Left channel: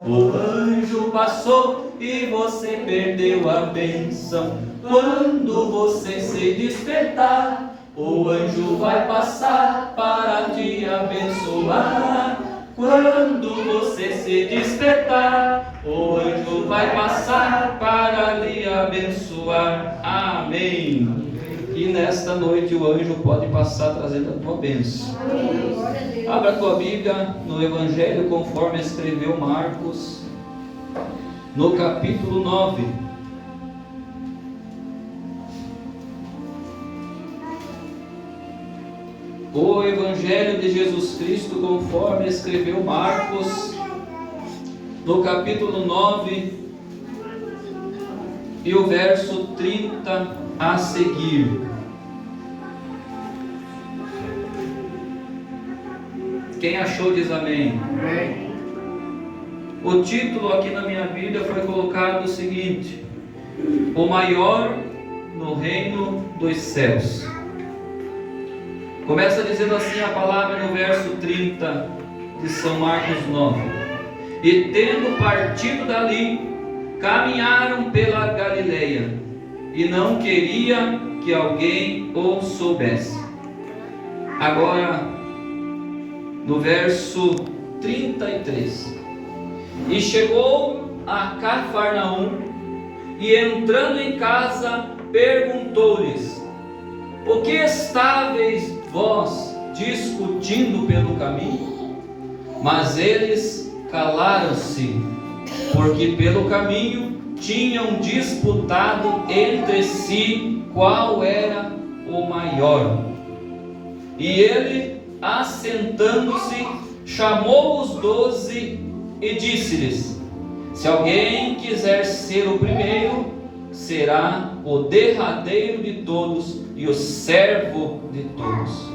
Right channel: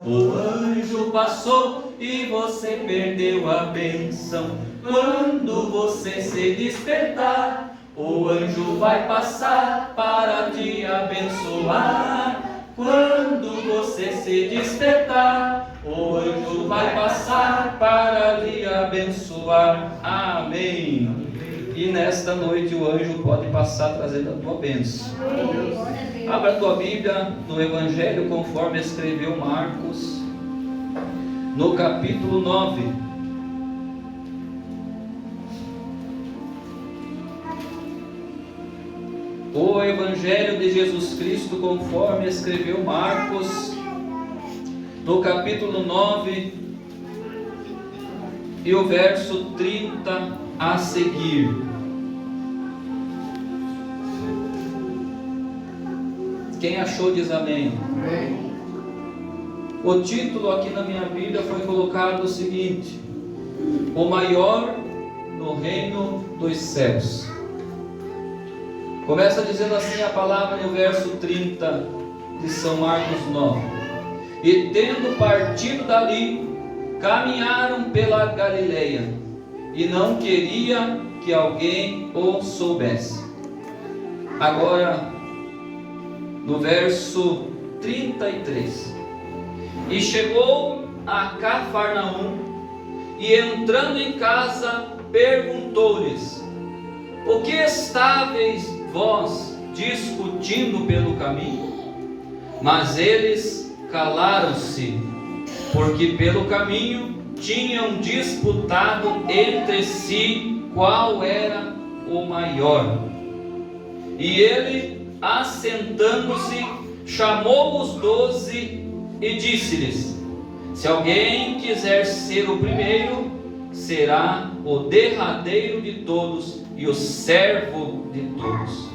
O anjo passou e você perdeu a bênção. Quando você se despertar, o anjo vai passar para te abençoar. Quando você se despertar, o anjo vai passar para lhe abençoar. Amém. E nesta noite o anjo pode passar trazendo a tua bênção. Abra a tua Bíblia no Evangelho conforme escreveu Marcos, no capítulo 9. O Evangelho de Jesus Cristo conforme escreveu Marcos, no capítulo 9, e o verso 30 a seguir. Quem achou diz amém. Amém. O título aqui na minha Bíblia foi colocado o seguinte: o maior no reino dos céus. Começa dizendo assim a palavra no verso 30 de São Marcos 9. E tendo partido dali, caminharam pela Galileia, e não queria que alguém o soubesse. Agora, no verso 33. E chegou a Cafarnaum, e entrando em casa, perguntou-lhes: o que estáveis vós discutindo pelo caminho? Mas eles calaram-se, porque pelo caminho tinham disputado entre si qual era o maior. E ele, assentando-se, chamou os 12 e disse-lhes: se alguém quiser ser o primeiro, será o derradeiro de todos e o servo de todos.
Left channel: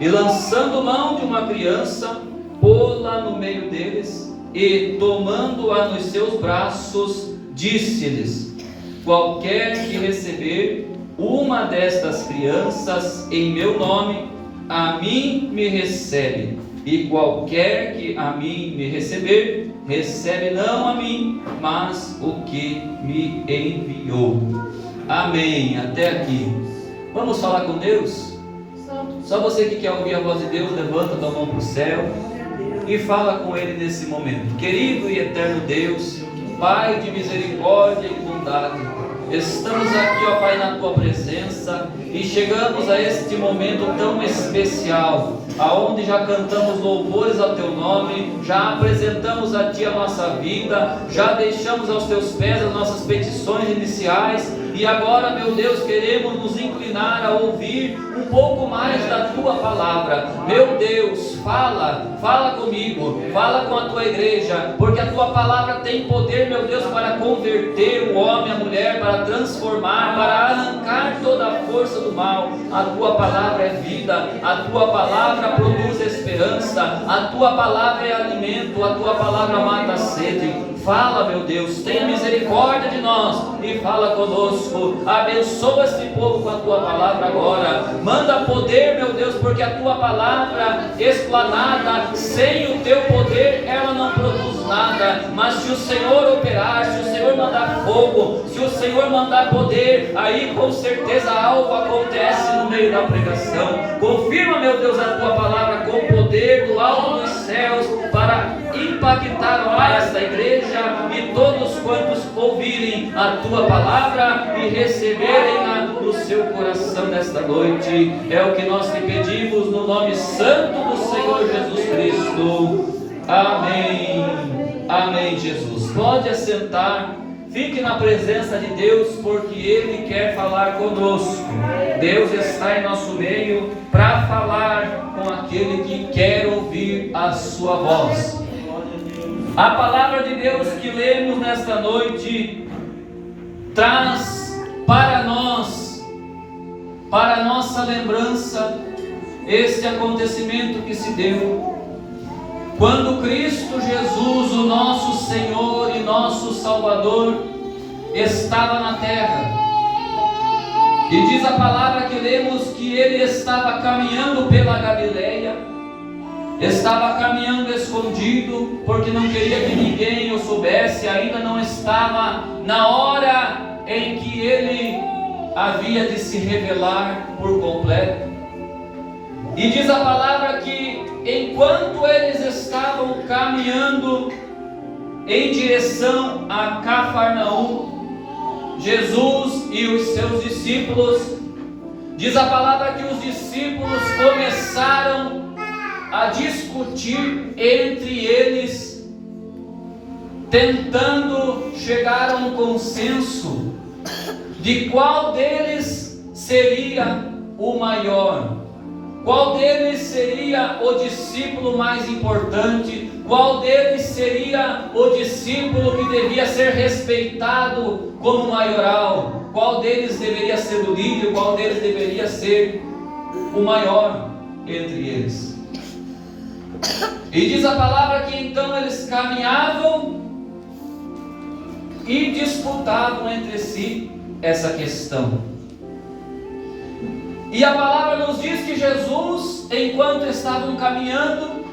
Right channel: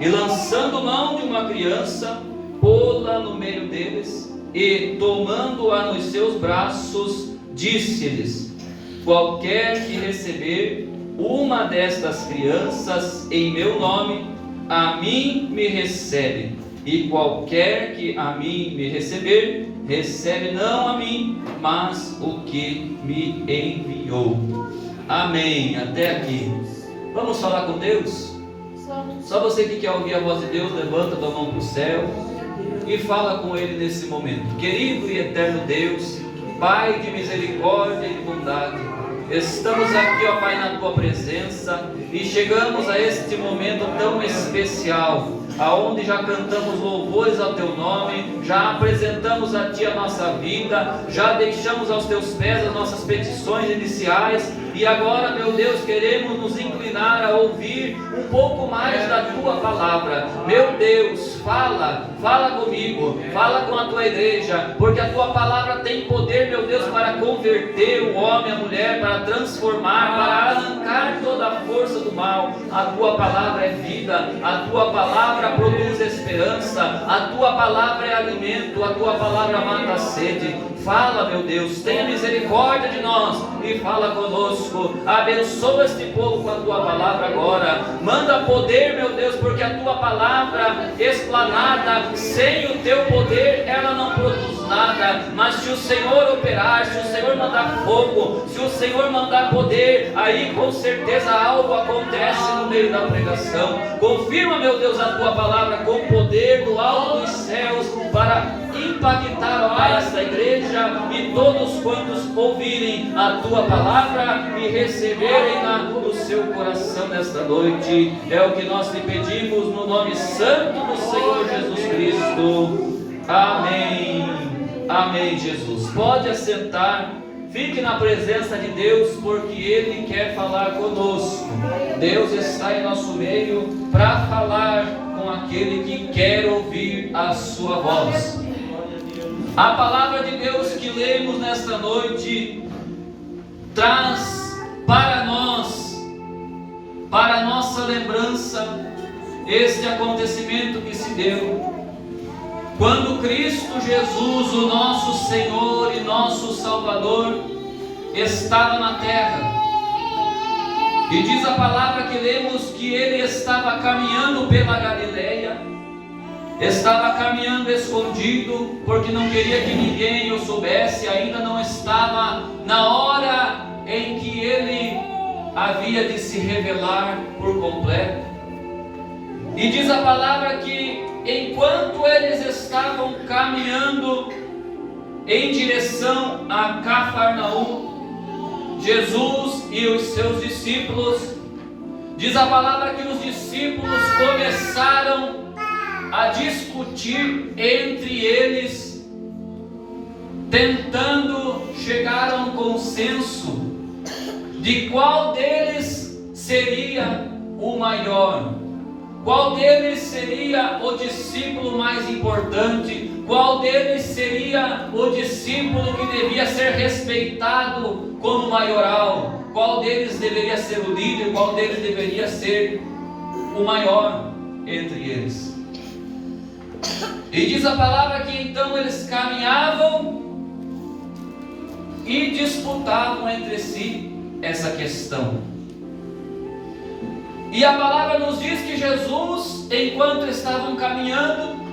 E lançando mão de uma criança, pô-la no meio deles, e tomando-a nos seus braços, disse-lhes: qualquer que receber uma destas crianças em meu nome, a mim me recebe, e qualquer que a mim me receber, recebe não a mim, mas o que me enviou. Amém. Até aqui. Vamos falar com Deus? Só você que quer ouvir a voz de Deus, levanta a tua mão para o céu e fala com Ele nesse momento. Querido e eterno Deus, Pai de misericórdia e de bondade, estamos aqui, ó Pai, na Tua presença, e chegamos a este momento tão especial, aonde já cantamos louvores ao Teu nome, já apresentamos a Ti a nossa vida, já deixamos aos Teus pés as nossas petições iniciais, e agora, meu Deus, queremos nos inclinar a ouvir um pouco mais da Tua palavra. Meu Deus, fala comigo, fala com a Tua igreja, porque a Tua palavra tem poder, meu Deus, para converter o homem, a mulher, para transformar, para arrancar toda a força do mal. A Tua palavra é vida, a Tua palavra produz esperança, a Tua palavra é alimento, a Tua palavra mata a sede. Fala, meu Deus, tenha misericórdia de nós e fala conosco. Abençoa este povo com a Tua palavra agora. Manda poder, meu Deus, porque a Tua palavra explanada, sem o Teu poder, ela não produz nada. Mas se o Senhor operar, se o Senhor mandar fogo, se o Senhor mandar poder, aí com certeza algo acontece no meio da pregação. Confirma, meu Deus, a Tua palavra com poder do alto dos céus, para impactar esta igreja e todos quantos ouvirem a Tua palavra e receberem-a no seu coração nesta noite. É o que nós te pedimos no nome santo do Senhor Jesus Cristo. Amém. Amém, Jesus. Pode assentar. Fique na presença de Deus, porque Ele quer falar conosco. Deus está em nosso meio para falar com aquele que quer ouvir a sua voz. A palavra de Deus que lemos nesta noite traz para nós, para a nossa lembrança, este acontecimento que se deu quando Cristo Jesus, o nosso Senhor e nosso Salvador, estava na terra. E diz a palavra que lemos que Ele estava caminhando pela Galileia, estava caminhando escondido, porque não queria que ninguém o soubesse, ainda não estava na hora em que ele havia de se revelar por completo. E diz a palavra que enquanto eles estavam caminhando em direção a Cafarnaum, Jesus e os seus discípulos, diz a palavra que os discípulos começaram a discutir entre eles, tentando chegar a um consenso de qual deles seria o maior, qual deles seria o discípulo mais importante, qual deles seria o discípulo que devia ser respeitado como maioral, qual deles deveria ser o líder, qual deles deveria ser o maior entre eles. E diz a palavra que então eles caminhavam e disputavam entre si essa questão. E a palavra nos diz que Jesus, enquanto estavam caminhando,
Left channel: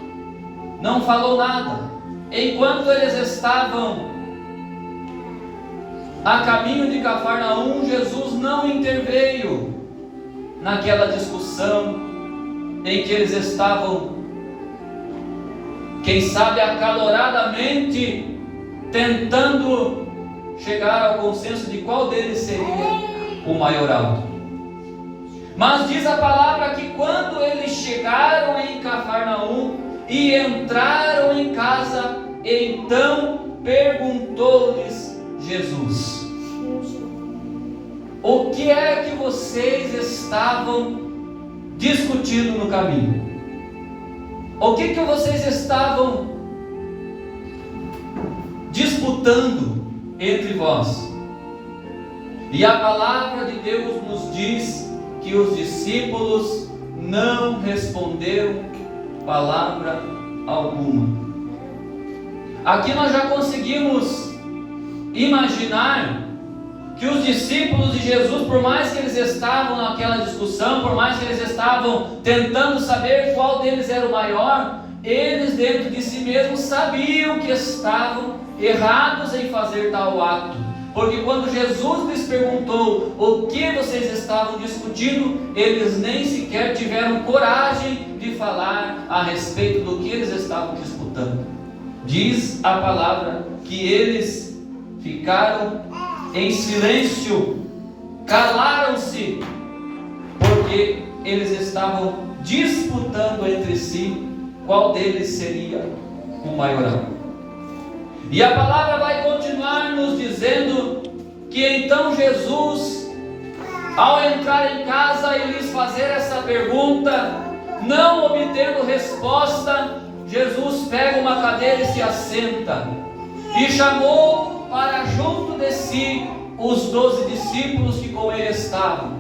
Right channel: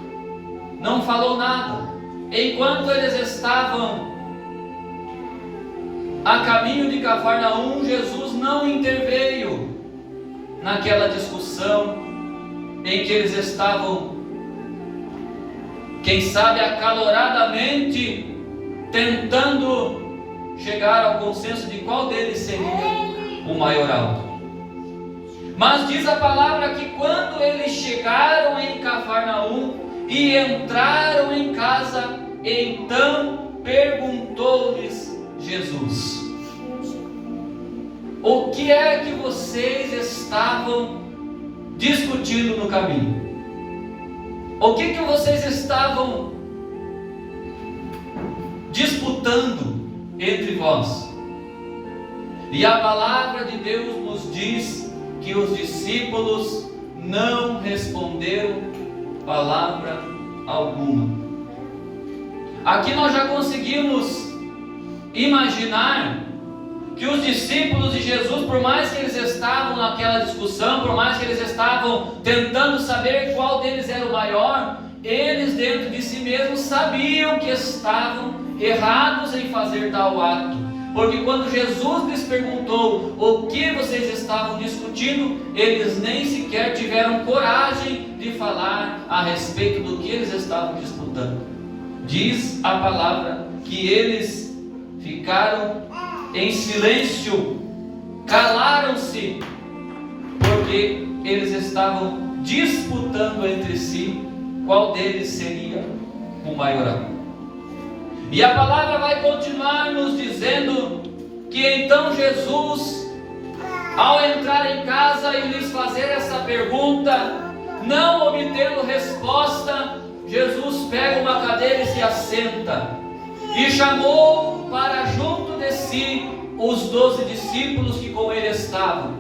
não falou nada. Enquanto eles estavam a caminho de Cafarnaum, Jesus não interveio naquela discussão em que eles estavam, quem sabe acaloradamente, tentando chegar ao consenso de qual deles seria o maioral. Mas diz a palavra que quando eles chegaram em Cafarnaum e entraram em casa, então perguntou-lhes Jesus: o que é que vocês estavam discutindo no caminho? O que vocês estavam disputando entre vós? E a palavra de Deus nos diz que os discípulos não responderam palavra alguma. Aqui nós já conseguimos imaginar que os discípulos de Jesus, por mais que eles estavam naquela discussão, por mais que eles estavam tentando saber qual deles era o maior, eles dentro de si mesmos sabiam que estavam errados em fazer tal ato. Porque quando Jesus lhes perguntou o que vocês estavam discutindo, eles nem sequer tiveram coragem de falar a respeito do que eles estavam disputando. Diz a palavra que eles ficaram em silêncio, calaram-se, porque eles estavam disputando entre si qual deles seria o maioral. E a palavra vai continuar nos dizendo que então Jesus, ao entrar em casa e lhes fazer essa pergunta, não obtendo resposta, Jesus pega uma cadeira e se assenta, e chamou para junto de si os 12 discípulos que com ele estavam.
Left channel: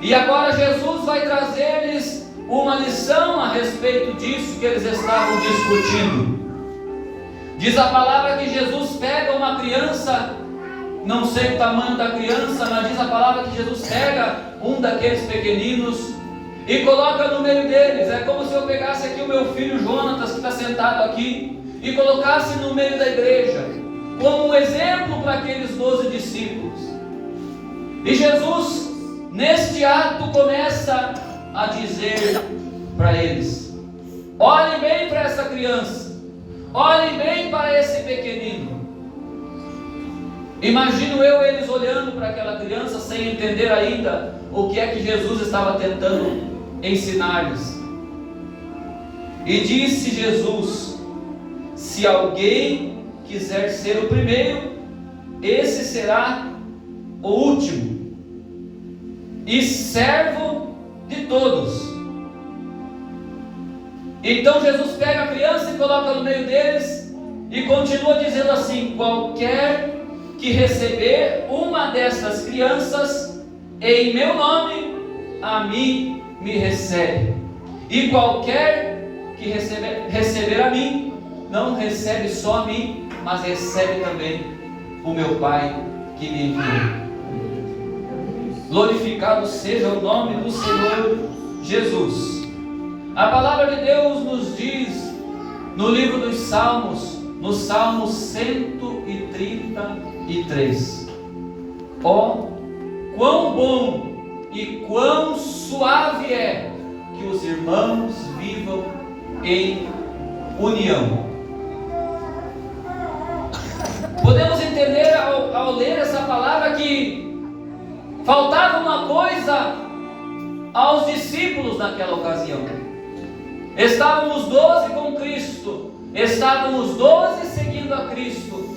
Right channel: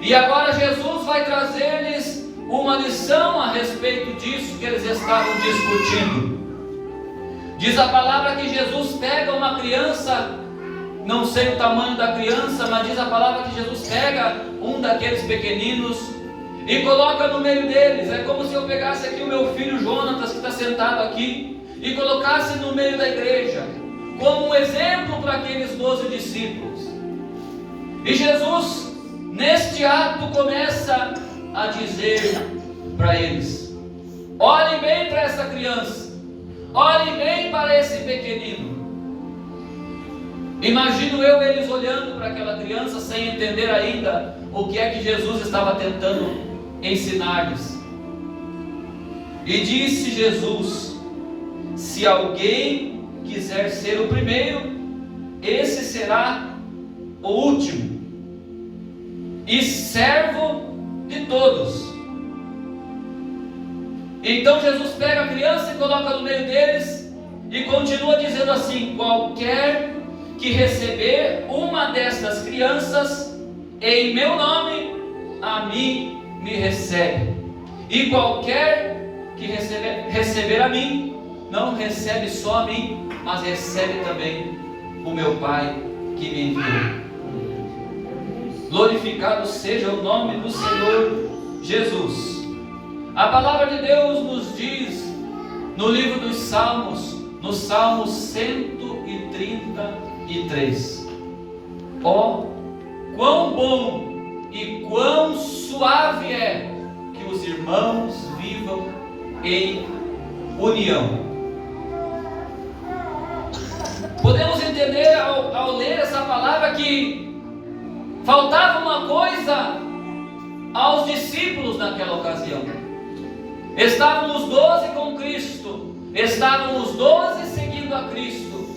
E agora Jesus vai trazer-lhes uma lição a respeito disso que eles estavam discutindo. Diz a palavra que Jesus pega uma criança, não sei o tamanho da criança, mas diz a palavra que Jesus pega um daqueles pequeninos e coloca no meio deles. É como se eu pegasse aqui o meu filho Jonatas, que está sentado aqui, e colocasse no meio da igreja, como um exemplo para aqueles 12 discípulos. E Jesus, neste ato, começa a dizer para eles: olhem bem para essa criança, olhem bem para esse pequenino. Imagino eu eles olhando para aquela criança sem entender ainda o que é que Jesus estava tentando ensinar-lhes. E disse Jesus: se alguém quiser ser o primeiro, esse será o último e servo de todos. Então Jesus pega a criança e coloca no meio deles e continua dizendo assim: qualquer que receber uma destas crianças em meu nome, a mim me recebe, e qualquer que receber a mim, não recebe só a mim, mas recebe também o meu Pai que me enviou. Glorificado seja o nome do Senhor Jesus. A palavra de Deus nos diz no livro dos Salmos, no Salmo 133: ó, quão bom e quão suave é que os irmãos vivam em união. Podemos entender ao ler essa palavra que faltava uma coisa aos discípulos naquela ocasião. Estavam os 12 com Cristo, estavam os 12 seguindo a Cristo,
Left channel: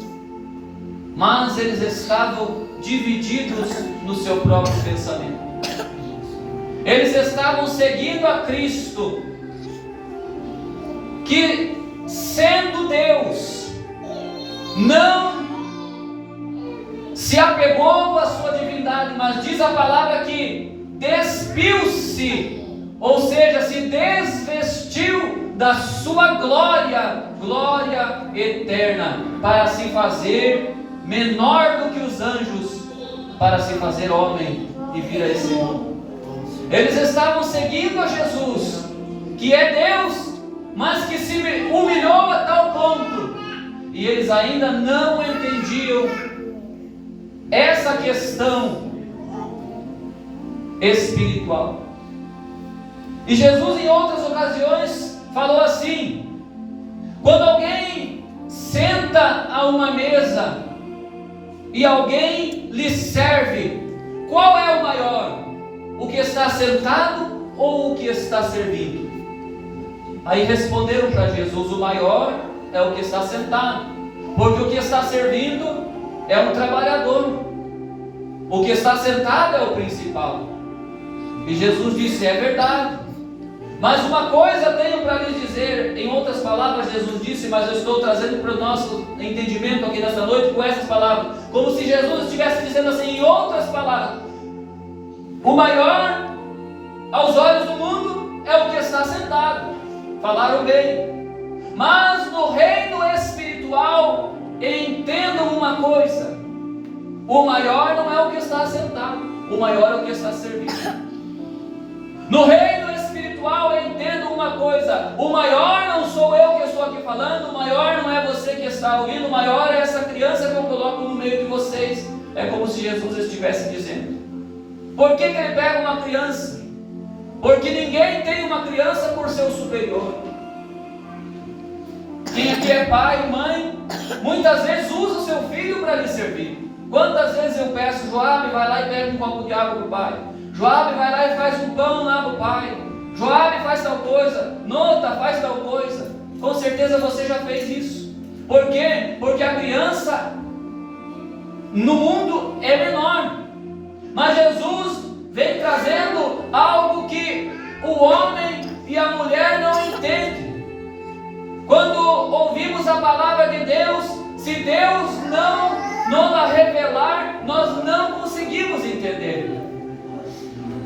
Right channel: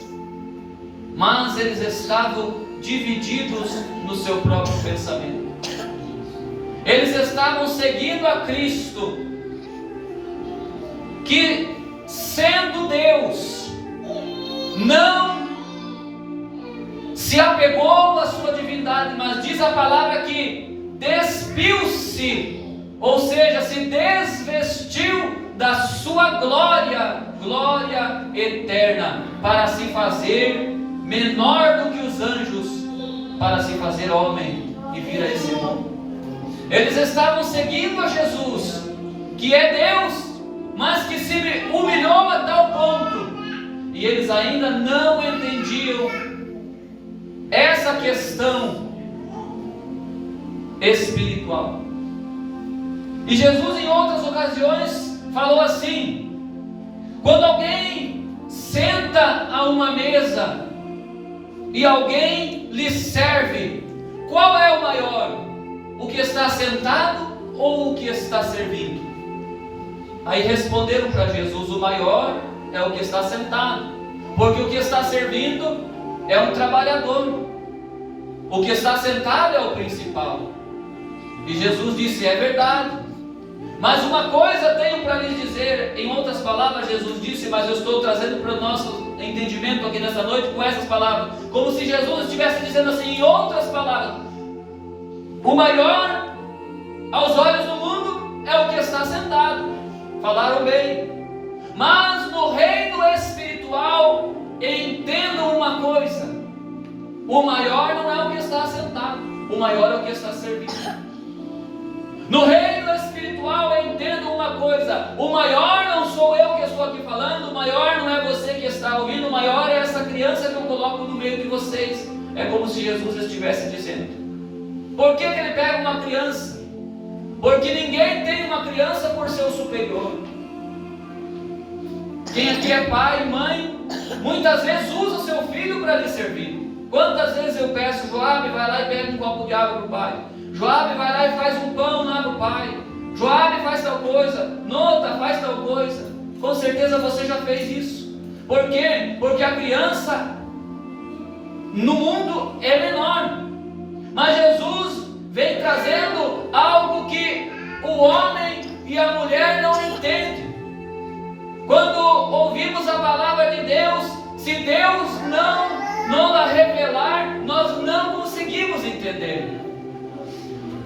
mas eles estavam divididos no seu próprio pensamento. Eles estavam seguindo a Cristo, que sendo Deus, não se apegou à sua divindade, mas diz a palavra que despiu-se, ou seja, se desvestiu da sua glória eterna, para se fazer menor do que os anjos, para se fazer homem e vir a esse mundo. Eles estavam seguindo a Jesus, que é Deus, mas que se humilhou a tal ponto, e eles ainda não entendiam essa questão espiritual. E Jesus, em outras ocasiões, falou assim: quando alguém senta a uma mesa e alguém lhe serve, qual é o maior? O que está sentado ou o que está servindo? Aí responderam para Jesus: o maior é o que está sentado, porque o que está servindo é um trabalhador, o que está sentado é o principal. E Jesus disse: é verdade, mas uma coisa tenho para lhes dizer. Em outras palavras, Jesus disse, mas eu estou trazendo para o nosso entendimento aqui nessa noite com essas palavras, como se Jesus estivesse dizendo assim, em outras palavras: o maior aos olhos do mundo é o que está sentado. Falaram bem. Mas no reino espiritual, entendam uma coisa: o maior não é o que está sentado, o maior é o que está servindo. No reino espiritual, entendam uma coisa: o maior não sou eu que estou aqui falando, o maior não é você que está ouvindo, o maior é essa criança que eu coloco no meio de vocês. É como se Jesus estivesse dizendo. Por que ele pega uma criança? Porque ninguém tem uma criança por seu superior. Quem aqui é pai e mãe, muitas vezes usa o seu filho para lhe servir. Quantas vezes eu peço: Joabe, vai lá e pega um copo de água para o pai. Joabe, vai lá e faz um pão lá para o pai. Joabe, faz tal coisa. Nota, faz tal coisa. Com certeza você já fez isso. Por quê? Porque a criança no mundo é menor. Mas Jesus vem trazendo algo que o homem e a mulher não entendem. Quando ouvimos a palavra de Deus, se Deus não a revelar, nós não conseguimos entender.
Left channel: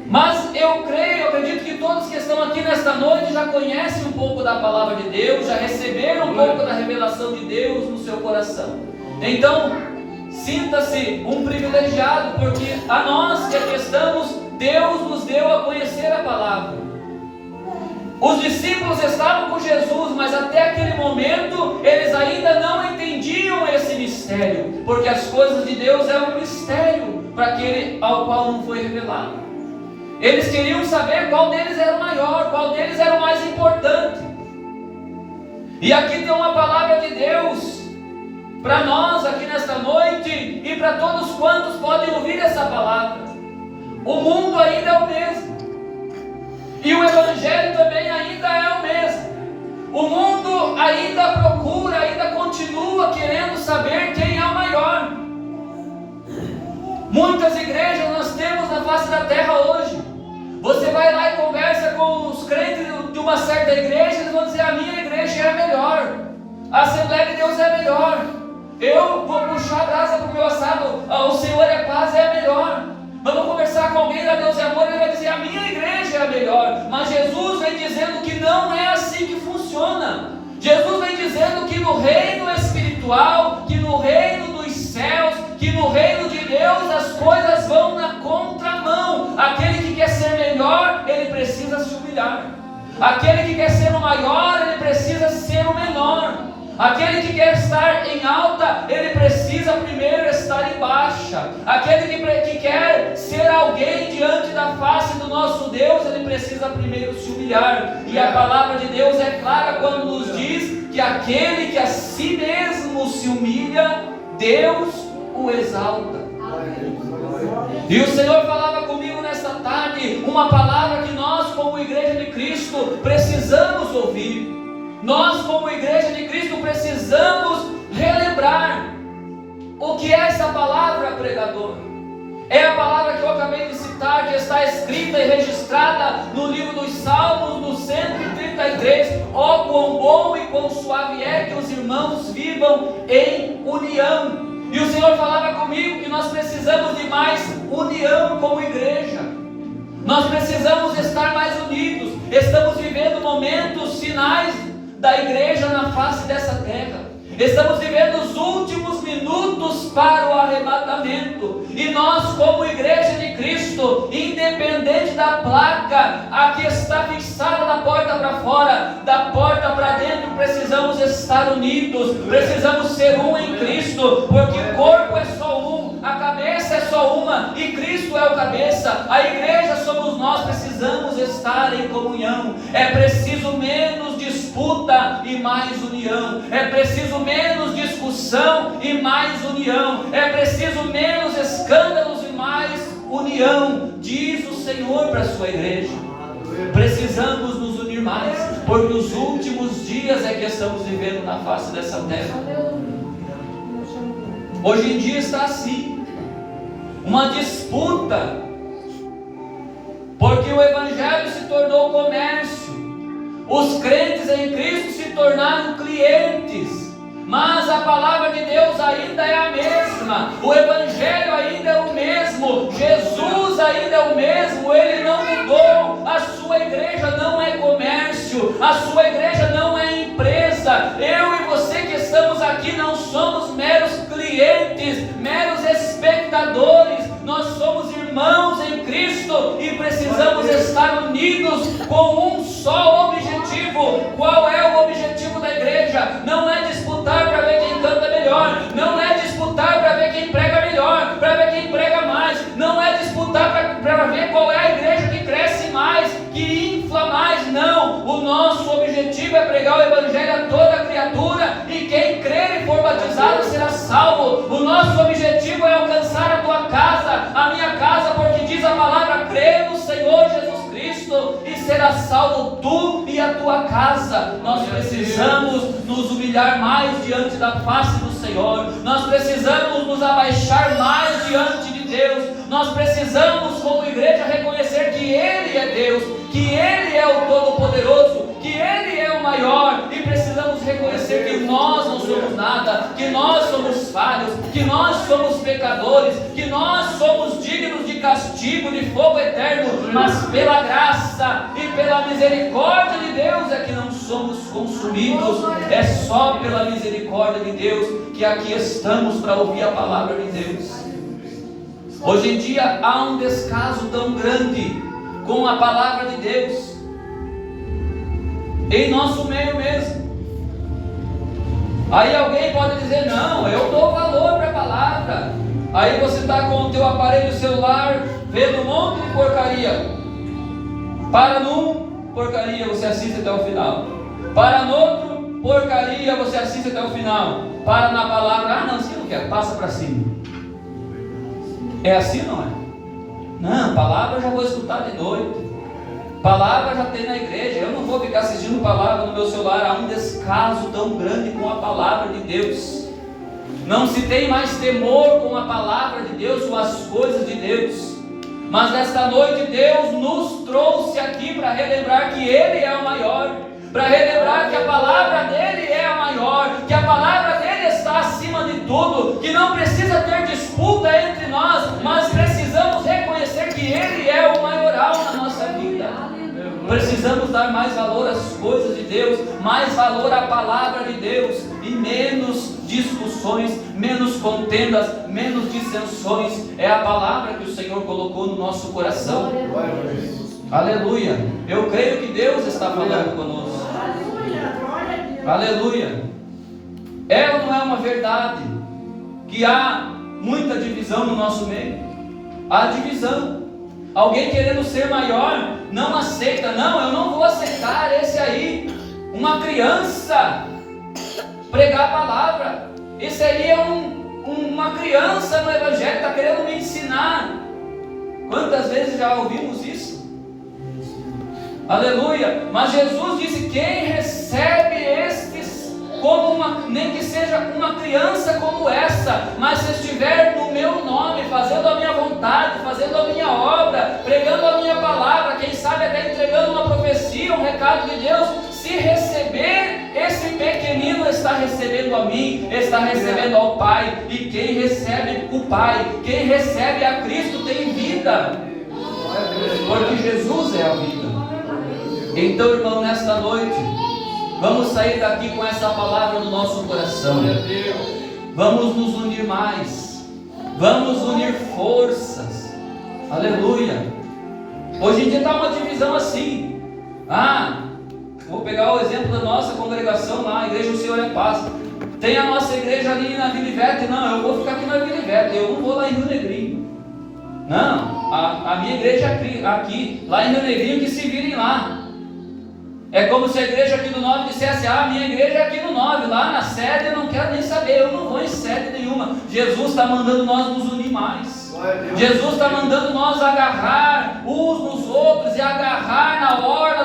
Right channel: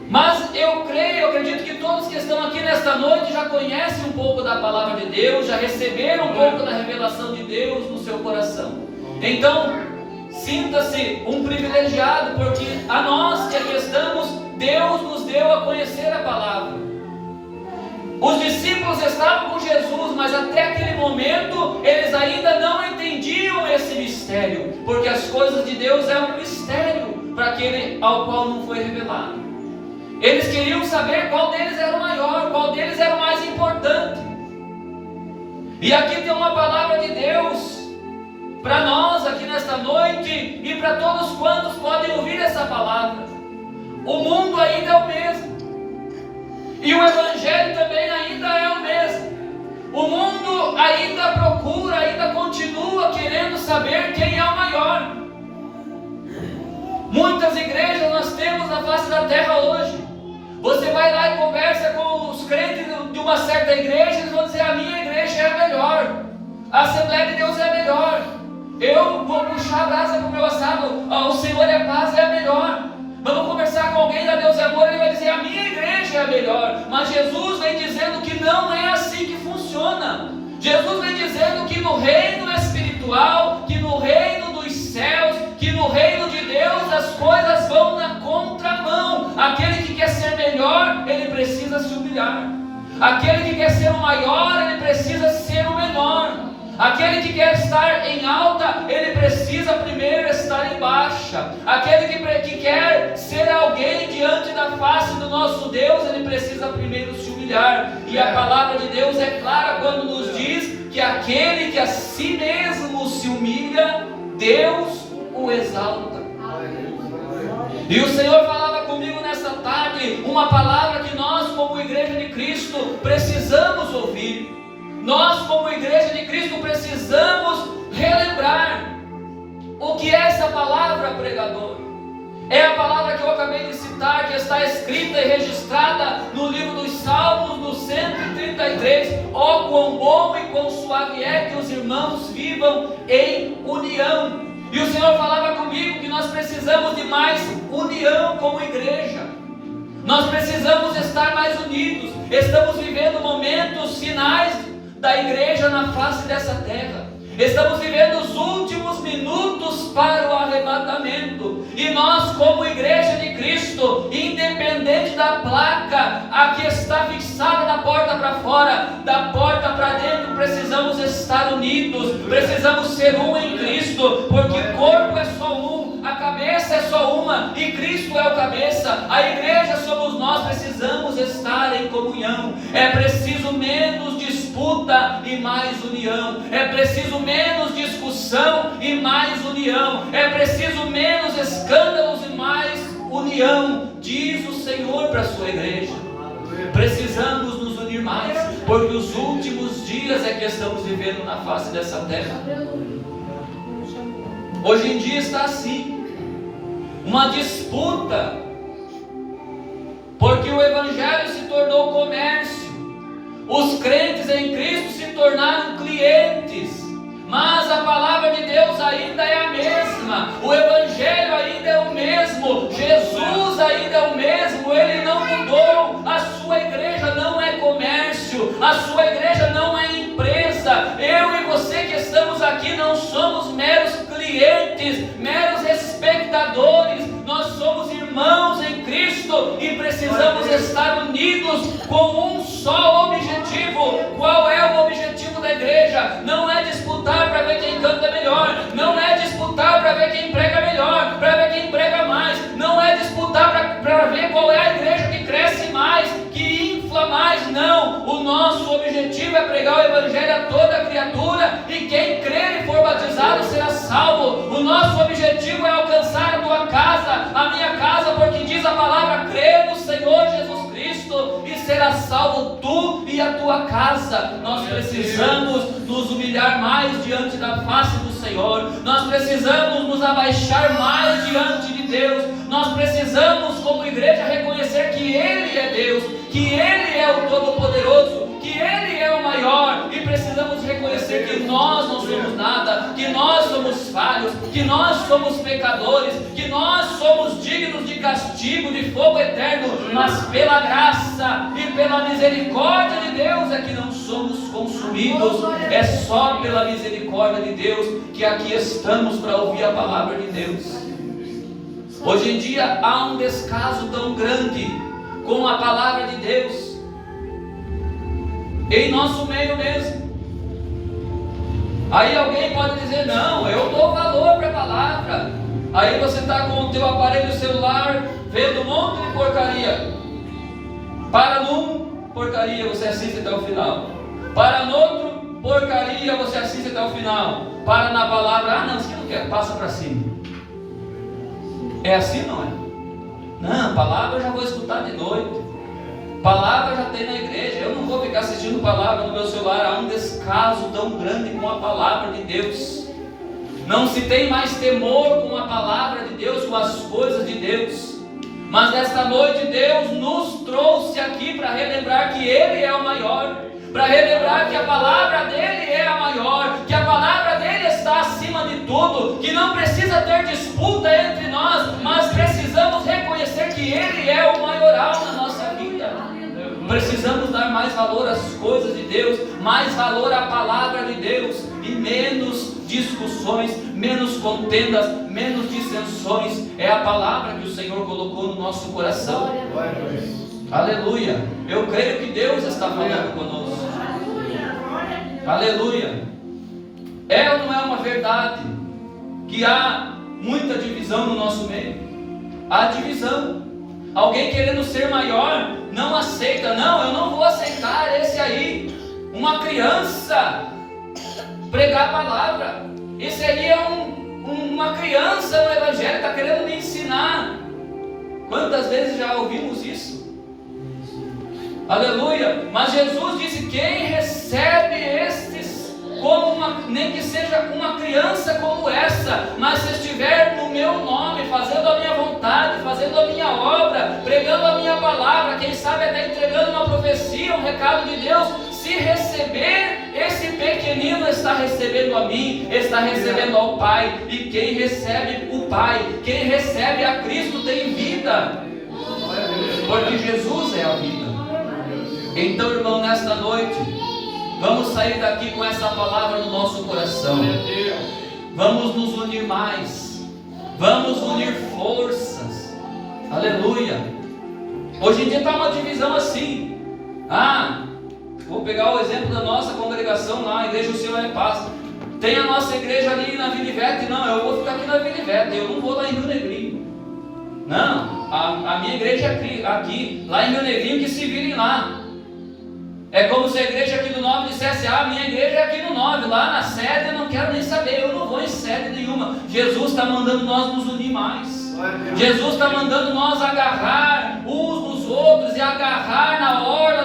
Mas eu acredito que todos que estão aqui nesta noite já conhecem um pouco da palavra de Deus, já receberam um pouco da revelação de Deus no seu coração. Então, sinta-se um privilegiado, porque a nós que aqui estamos, Deus nos deu a conhecer a palavra. Os discípulos estavam com Jesus, mas até aquele momento eles ainda não entendiam esse mistério, porque as coisas de Deus é um mistério para aquele ao qual não foi revelado. Eles queriam saber qual deles era o maior, qual deles era o mais importante. E aqui tem uma palavra de Deus para nós aqui nesta noite e para todos quantos podem ouvir essa palavra. O mundo ainda é o mesmo, e o Evangelho também ainda é o mesmo. O mundo ainda procura, ainda continua querendo saber quem é o maior. Muitas igrejas nós temos na face da terra hoje. Você vai lá e conversa com os crentes de uma certa igreja, eles vão dizer: a minha igreja é a melhor, a Assembleia de Deus é a melhor, eu vou puxar a brasa para o meu assado, o Senhor é paz, é a melhor. Vamos conversar com alguém da Deus é Amor, ele vai dizer: a minha igreja é a melhor. Mas Jesus vem dizendo que não é assim que funciona. Jesus vem dizendo que no reino espiritual, que no reino dos céus, que no reino de Deus as coisas vão na contramão. Aquele que quer ser melhor, ele precisa se humilhar. Aquele que quer ser o maior, ele precisa ser o menor. Aquele que quer estar em alta, ele precisa primeiro estar em baixa. Aquele que quer ser alguém diante da face do nosso Deus, ele precisa primeiro se humilhar. E a palavra de Deus é clara quando nos diz que aquele que a si mesmo se humilha, Deus o exalta. E o Senhor falava comigo nesta tarde uma palavra que nós, como igreja de Cristo, precisamos ouvir. Nós, como igreja de Cristo, precisamos relembrar o que é essa palavra, pregador. É a palavra que eu acabei de citar, que está escrita e registrada no livro dos Salmos, no 133. Ó, quão bom e quão suave é que os irmãos vivam em união. E o Senhor falava comigo que nós precisamos de mais união como igreja. Nós precisamos estar mais unidos. Estamos vivendo momentos finais da igreja na face dessa terra. Estamos vivendo os últimos minutos para o arrebatamento. E nós, como igreja de Cristo, independente da placa, a que está fixada da porta para fora, da porta para dentro, precisamos estar unidos. Precisamos ser um em Cristo, porque o corpo é só um, a cabeça é só uma, e Cristo é o cabeça. A igreja somos nós. Precisamos estar em comunhão. É preciso menos disputa e mais união. É preciso menos discussão e mais união. É preciso menos escândalos e mais união, diz o Senhor para a sua igreja. Precisamos nos unir mais, porque os últimos dias é que estamos vivendo na face dessa terra. Hoje em dia está assim, uma disputa, porque o Evangelho se tornou comércio. Os crentes em Cristo se tornaram clientes, mas a palavra de Deus ainda é a mesma, o Evangelho ainda é o mesmo, Jesus ainda é o mesmo, Ele não mudou. A sua igreja não é comércio, a sua igreja não é empresa. Eu e você que estamos aqui não somos meros clientes, meros espectadores. Nós somos irmãos em Cristo e precisamos estar unidos com um só objetivo. Qual é o objetivo da igreja? Não é disputar para ver quem canta melhor, não é disputar para ver quem prega melhor, para ver quem prega mais, não é disputar para ver qual é a igreja que cresce mais, que infla mais. Não, o nosso objetivo é pregar o Evangelho a toda criatura, e quem crer e for batizado será salvo. O nosso objetivo é alcançar a tua casa, a minha casa, porque diz a palavra: crê no Senhor Jesus Cristo e será salvo tu e a tua casa. Nós precisamos nos humilhar mais diante da face do Senhor. Nós precisamos nos abaixar mais diante de Deus. Nós precisamos, como igreja, reconhecer que Ele é Deus, que Ele é o Todo-Poderoso, que Ele é o maior, e precisamos reconhecer que nós não somos nada, que nós somos falhos, que nós somos pecadores, que nós somos dignos de castigo, de fogo eterno, mas pela graça e pela misericórdia de Deus é que não somos consumidos. É só pela misericórdia de Deus que aqui estamos para ouvir a palavra de Deus. Hoje em dia há um descaso tão grande com a palavra de Deus em nosso meio mesmo. Aí alguém pode dizer: não, eu dou valor para a palavra. Aí você está com o teu aparelho celular vendo um monte de porcaria. Para num, porcaria, você assiste até o final. Para no outro, porcaria, você assiste até o final. Para na palavra: ah não, você não quer, passa para cima. É assim, não é? Não, palavra eu já vou escutar de noite, palavra já tem na igreja, eu não vou ficar assistindo palavra no meu celular. Há um descaso tão grande com a palavra de Deus. Não se tem mais temor com a palavra de Deus, com as coisas de Deus. Mas nesta noite Deus nos trouxe aqui para relembrar que Ele é o maior, para relembrar que a palavra dEle é a maior, que a palavra dEle está acima de tudo, que não precisa ter disputa entre nós, mas precisamos reconhecer que Ele é o maioral na nossa vida. Precisamos dar mais valor às coisas de Deus, mais valor à palavra de Deus, e menos discussões, menos contendas, menos dissensões. É a palavra que o Senhor colocou no nosso coração. Aleluia. Eu creio que Deus está falando conosco. Aleluia. É ou não é uma verdade que há muita divisão no nosso meio? Há divisão. Alguém querendo ser maior não aceita. Não, eu não vou aceitar esse aí, uma criança, pregar a palavra. Esse aí é uma criança no evangelho, está querendo me ensinar. Quantas vezes já ouvimos isso? Aleluia. Mas Jesus disse: quem recebe estes como nem que seja uma criança como essa, mas se estiver no meu nome, fazendo a minha vontade, fazendo a minha obra, pregando a minha palavra, quem sabe até entregando uma profecia, um recado de Deus, se receber, esse pequenino está recebendo a mim, está recebendo ao Pai. E quem recebe o Pai, quem recebe a Cristo, tem vida, porque Jesus é a vida. Então, irmão, nesta noite, vamos sair daqui com essa palavra no nosso coração. Vamos nos unir mais. Vamos unir forças. Aleluia. Hoje em dia está uma divisão assim. Vou pegar o exemplo da nossa congregação lá, a Igreja do Senhor é Paz. Tem a nossa igreja ali na Vila Ivete. Não, eu vou ficar aqui na Vila Ivete, eu não vou lá em Rio Negrinho. Não, a minha igreja aqui, lá em Rio Negrinho, que se virem lá. É como se a igreja aqui do 9 dissesse: minha igreja é aqui no 9, lá na sede eu não quero nem saber, eu não vou em sede nenhuma. Jesus está mandando nós nos unir mais. Jesus está mandando nós agarrar uns nos outros e agarrar na orla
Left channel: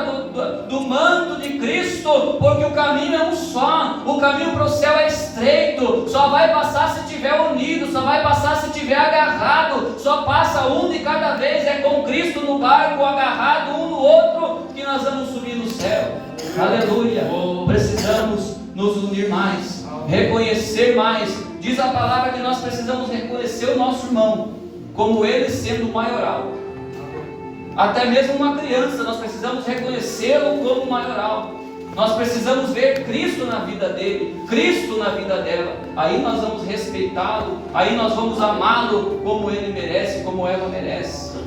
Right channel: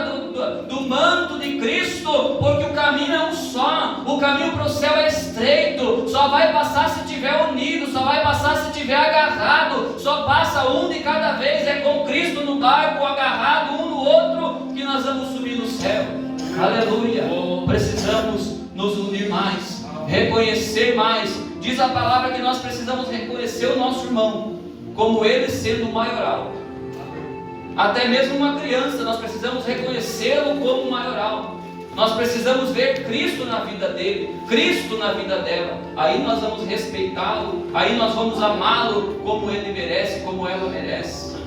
do manto de Cristo, porque o caminho é um só, o caminho para o céu é estreito, só vai passar se estiver unido, só vai passar se estiver agarrado, só passa um de cada vez, é com Cristo no barco, agarrado um no outro, que nós vamos subir no céu. Aleluia. Precisamos nos unir mais, reconhecer mais. Diz a palavra que nós precisamos reconhecer o nosso irmão como ele sendo o maioral. Até mesmo uma criança, nós precisamos reconhecê-lo como maioral. Nós precisamos ver Cristo na vida dele, Cristo na vida dela. Aí nós vamos respeitá-lo, aí nós vamos amá-lo como ele merece, como ela merece.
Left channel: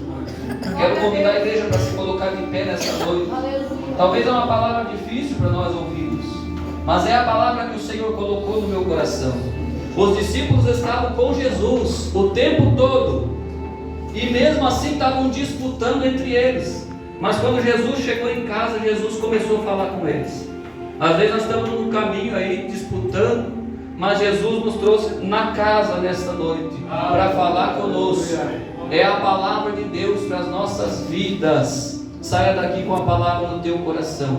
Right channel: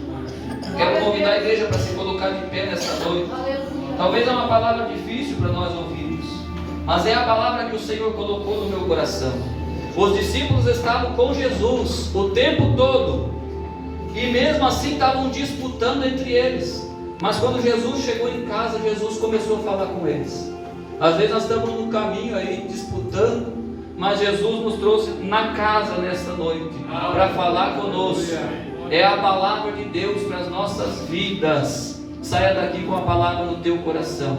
Quero convidar a igreja para se colocar de pé nessa noite. Talvez é uma palavra difícil para nós ouvirmos, mas é a palavra que o Senhor colocou no meu coração. Os discípulos estavam com Jesus o tempo todo, e mesmo assim estavam disputando entre eles. Mas quando Jesus chegou em casa, Jesus começou a falar com eles. Às vezes nós estamos no caminho aí disputando, mas Jesus nos trouxe na casa nesta noite para falar conosco. É a palavra de Deus para as nossas vidas. Saia daqui com a palavra no teu coração.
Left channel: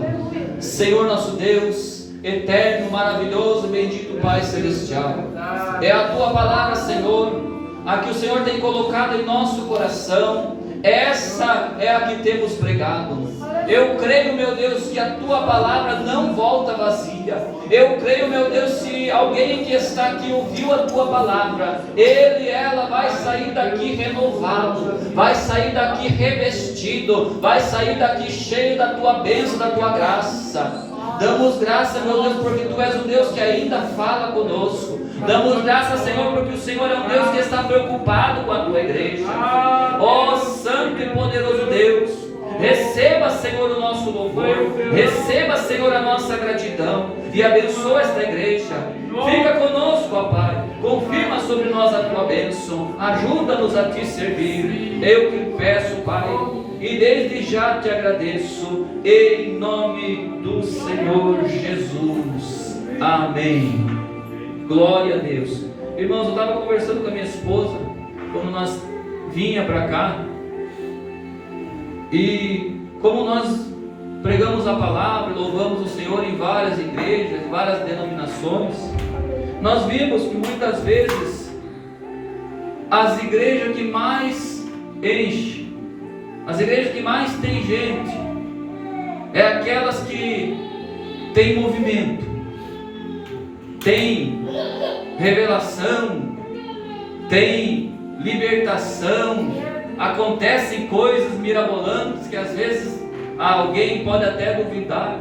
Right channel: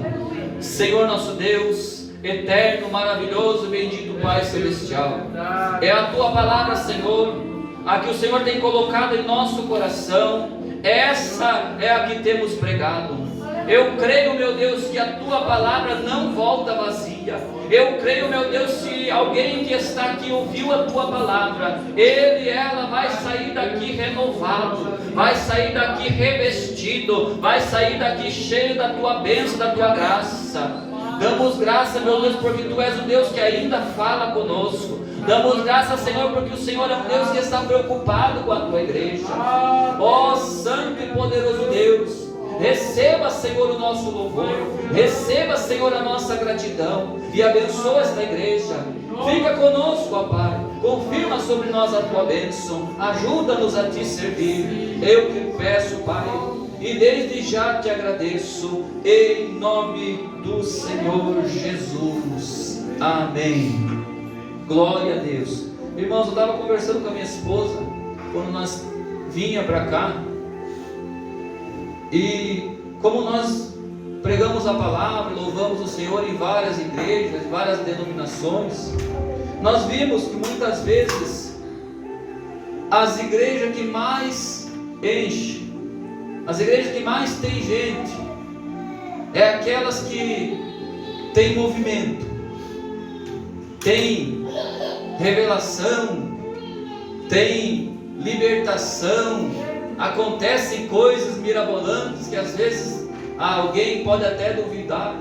Senhor nosso Deus, eterno, maravilhoso, bendito Pai Celestial, é a tua palavra, Senhor, a que o Senhor tem colocado em nosso coração. Essa é a que temos pregado. Eu creio, meu Deus, que a tua palavra não volta vazia. Eu creio, meu Deus, se alguém que está aqui ouviu a tua palavra, ele e ela vai sair daqui renovado, vai sair daqui revestido, vai sair daqui cheio da tua bênção, da tua graça. Damos graça, meu Deus, porque tu és o Deus que ainda fala conosco. Damos graça, Senhor, porque o Senhor é um Deus que está preocupado com a tua igreja. Ó Santo e poderoso Deus, receba, Senhor, o nosso louvor, receba, Senhor, a nossa gratidão e abençoa esta igreja. Fica conosco, ó Pai, confirma sobre nós a tua bênção, ajuda-nos a te servir. Eu te peço, Pai, e desde já te agradeço, em nome do Senhor Jesus. Amém. Glória a Deus. Irmãos, eu estava conversando com a minha esposa quando nós vinha para cá, e como nós pregamos a palavra, louvamos o Senhor em várias igrejas, várias denominações, nós vimos que muitas vezes as igrejas que mais enchem, as igrejas que mais tem gente, é aquelas que tem movimento, tem revelação, tem libertação, acontecem coisas mirabolantes que às vezes alguém pode até duvidar.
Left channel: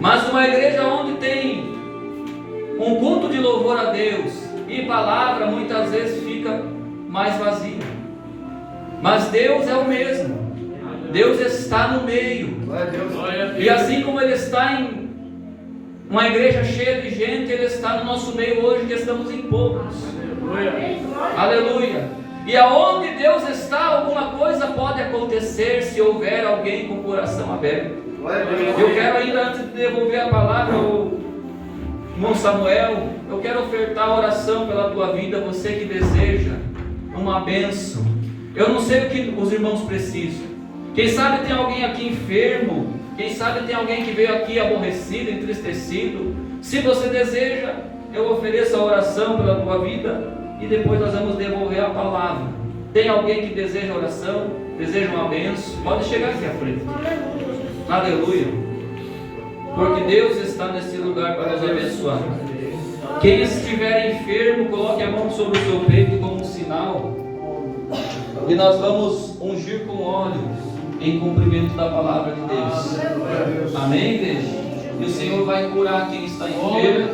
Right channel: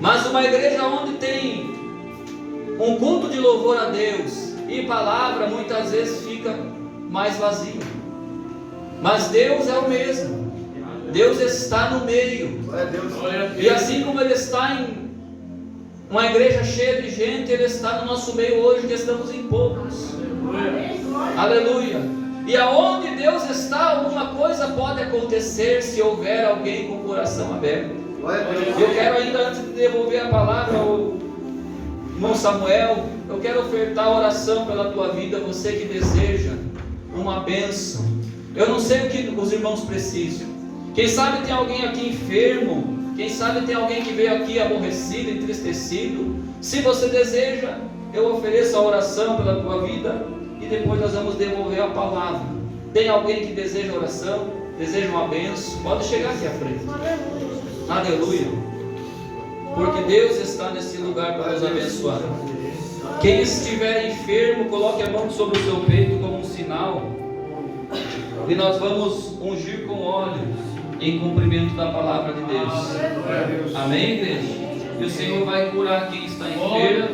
Mas uma igreja onde tem um culto de louvor a Deus e palavra, muitas vezes fica mais vazia. Mas Deus é o mesmo. Deus está no meio. E assim como Ele está em uma igreja cheia de gente, Ele está no nosso meio hoje, que estamos em poucos. Aleluia. E aonde Deus está, alguma coisa pode acontecer se houver alguém com o coração aberto. Eu quero ainda, antes de devolver a palavra ao irmão Samuel, eu quero ofertar a oração pela tua vida, você que deseja uma bênção. Eu não sei o que os irmãos precisam. Quem sabe tem alguém aqui enfermo, quem sabe tem alguém que veio aqui aborrecido, entristecido. Se você deseja, eu ofereço a oração pela tua vida e depois nós vamos devolver a palavra. Tem alguém que deseja oração, deseja uma bênção? Pode chegar aqui à frente. Aleluia. Porque Deus está nesse lugar para nos abençoar. Quem estiver enfermo, coloque a mão sobre o seu peito como um sinal. E nós vamos ungir com óleo em cumprimento da palavra de Deus. Amém, igreja? E o Senhor vai curar quem está enfermo.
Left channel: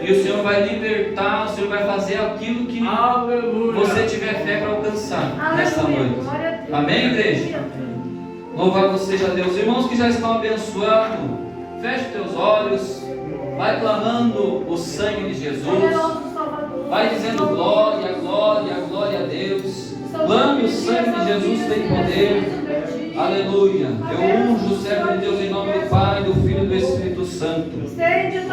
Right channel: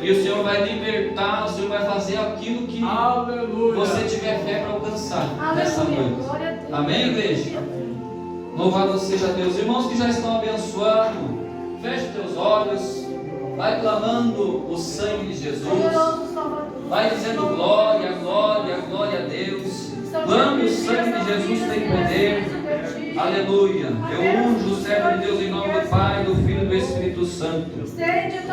E o Senhor vai libertar, o Senhor vai fazer aquilo que você tiver fé para alcançar nessa noite. Amém, igreja? Louvado seja Deus. Irmãos que já estão abençoando, feche teus olhos, vai clamando o sangue de Jesus, vai dizendo glória, glória, glória a Deus. Clame o sangue de Jesus, tem poder. Aleluia. Eu unjo o servo de Deus em nome do Pai, do Filho e do Espírito Santo.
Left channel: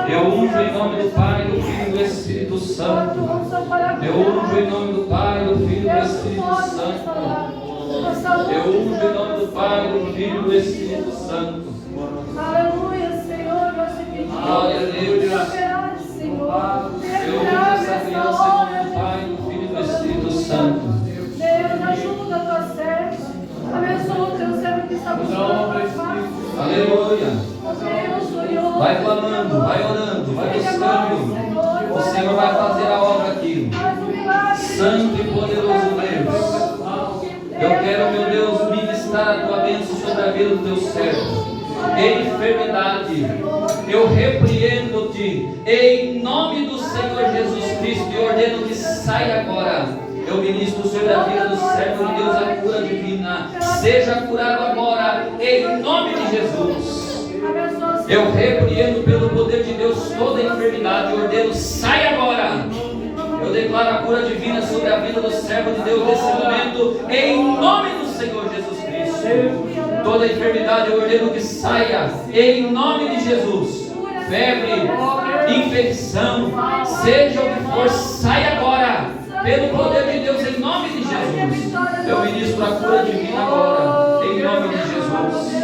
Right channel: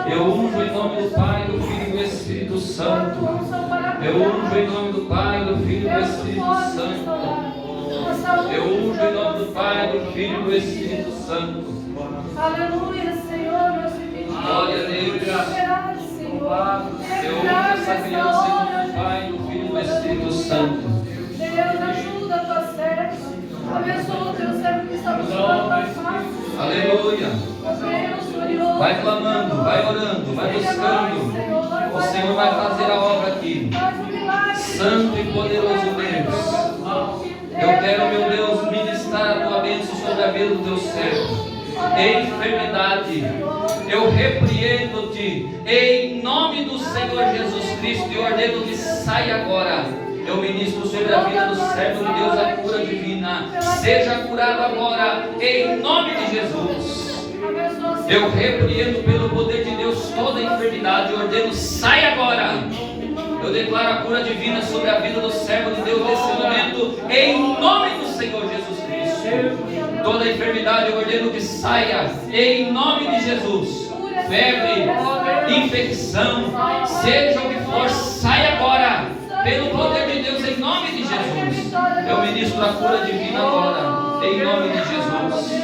Eu unjo em nome do Pai, do Filho e do Espírito Santo. Eu unjo em nome do Pai, do Filho e do Espírito Santo. Eu unjo em nome do Pai, do Filho e do Espírito Santo. Aleluia, Senhor, glória a Deus. Eu unjo essa criança em nome do Pai, do Filho e do Espírito Santo. Deus, ajuda a tua serva. Abençoa o teu servo que está buscando. Aleluia. Vai clamando, vai orando, vai buscando. O Senhor vai fazer a obra aqui. Santo e poderoso Deus. Eu quero, meu Deus, ministrar a tua bênção sobre a vida do teu servo. Em enfermidade, eu repreendo-te em nome do Senhor Jesus Cristo e ordeno que saia agora. Eu ministro sobre a vida do servo de Deus a cura divina. Seja curado agora em nome de Jesus. Eu repreendo pelo poder de Deus toda enfermidade e ordeno, sai agora. Eu declaro a cura divina sobre a vida do servo de Deus nesse momento, em nome do Senhor Jesus Cristo. Toda enfermidade eu ordeno que saia, em nome de Jesus. Febre, infecção, seja o que for, sai agora, pelo poder de Deus, em nome de Jesus. Eu ministro a cura divina agora, em nome de Jesus.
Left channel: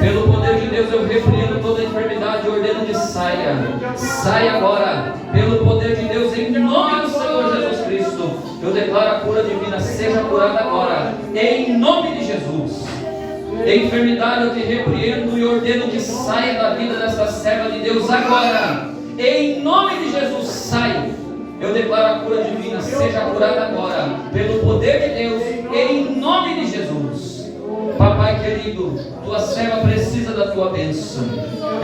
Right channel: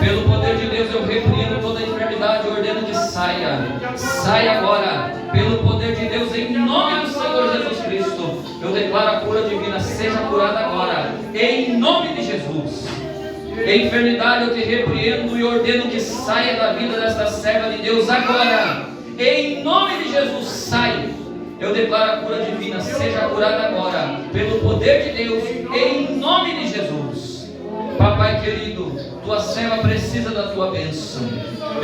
Pelo poder de Deus eu repreendo toda enfermidade e ordeno que saia. Saia agora. Pelo poder de Deus, em nome do Senhor Jesus Cristo. Eu declaro a cura divina. Seja curada agora. Em nome de Jesus. Em enfermidade eu te repreendo e ordeno que saia da vida desta serva de Deus agora. Em nome de Jesus, sai. Eu declaro a cura divina. Seja curada agora. Pelo poder de Deus, em nome de Jesus. Papai querido, tua serva precisa da tua bênção.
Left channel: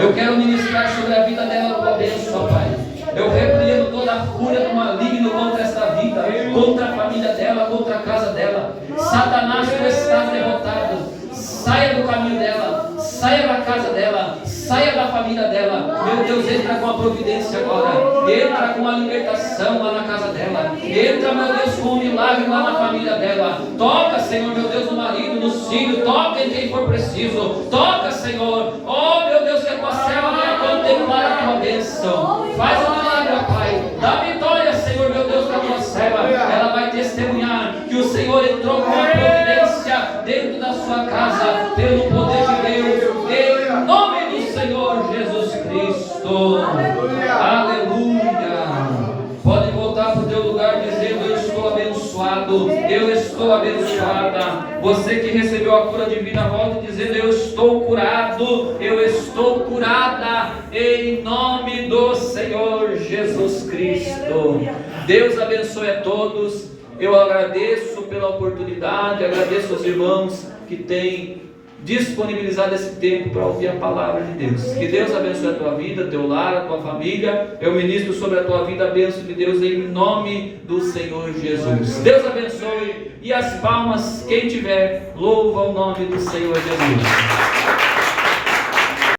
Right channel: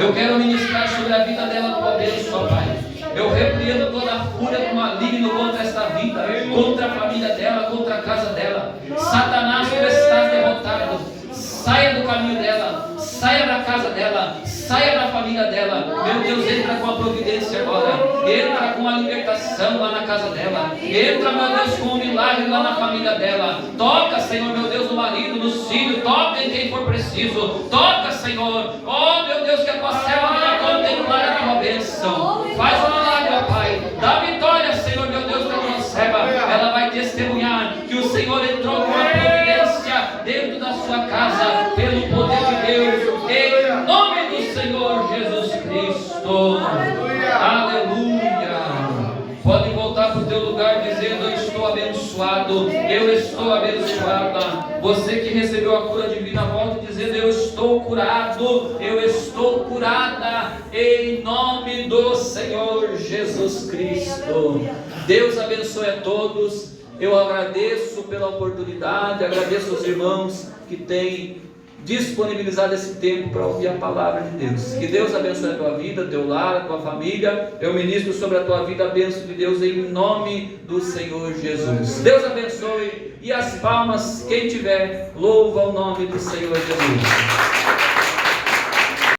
Eu quero ministrar sobre a vida dela a tua bênção, Pai. Eu repreendo toda a fúria do maligno contra esta vida, contra a família dela, contra a casa dela. Satanás, tu estás derrotado. Saia do caminho dela, saia da casa dela, saia da família dela. Meu Deus, entra com a providência agora. Entra com a libertação lá na casa dela. Entra, meu Deus, com o milagre lá na família dela. Toca, Senhor, meu Deus, no marido, no filho. Toca em quem for preciso. Toca, Senhor. Oh, meu Deus, que a tua serva venha contemplar a tua bênção. Faz a milagre, ó Pai. Dá vitória, Senhor, meu Deus, para a tua serva. Ela vai testemunhar que o Senhor entrou com a providência dentro da sua casa, pelo poder de Deus, em nome do Senhor Jesus Cristo. Aleluia. Pode voltar para o teu lugar dizendo: eu estou abençoado, eu estou abençoada. Você que recebeu a cura divina, volta dizendo: eu estou curado, eu estou curada, em nome do Senhor Jesus Cristo. Deus abençoe a todos. Eu agradeço pela oportunidade, agradeço os irmãos que têm disponibilizado esse tempo para ouvir a palavra de Deus. Que Deus abençoe a tua vida, teu lar, a tua família. Eu ministro sobre a tua vida a bênção de Deus em nome do Senhor Jesus. Deus abençoe. E as palmas, quem tiver, louva o nome do Senhor Jesus.